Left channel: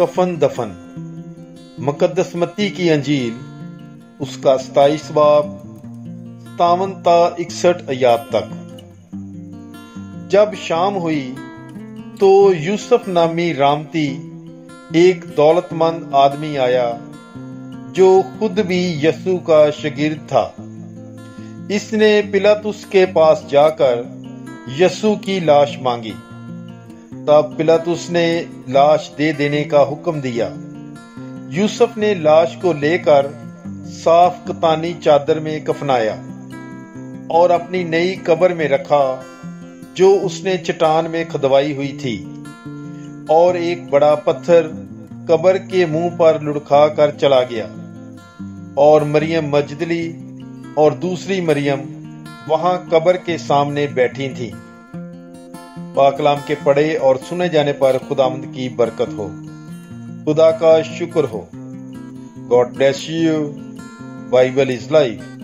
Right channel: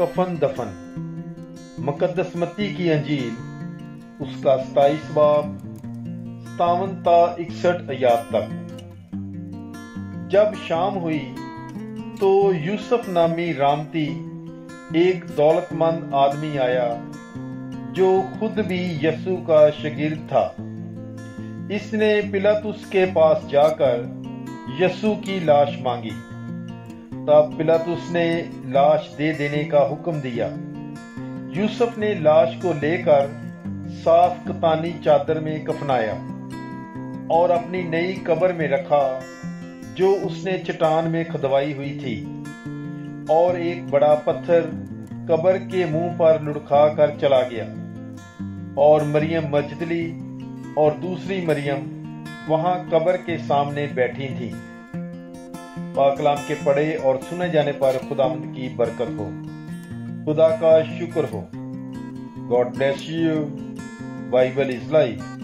कफन दफन। मुकद्दस मत्ती की अंजील उसका 27 बाब 57 ता 61 आयात तक। जब शाम हुई तो यूसुफ नामी रामती एक दौलतमंद आदमी आया जो खुद भी यसू का शागिर्द था। इसने पिलातुस के पास जाकर यसू की लाश मांगी। तब पिलातुस ने लाश दे देने का हुक्म दिया। यूसुफ ने लाश को लेकर साफ कतानी चादर में कफनाया और अपनी नई कब्र में रखा जो उसने चट्टान में खुदवाई हुई थी, और एक बड़ा पत्थर कब्र के मुंह पर लुढ़का कर चला गया। और मरियम मजदली और दूसरी मरियम वहां कब्र के सामने बैठी थीं। पाकलाम के पढ़े और सुने जाने पर खुदावंद की बरकत हो। खुदा का शुक्र हो। God bless you. Bible is life.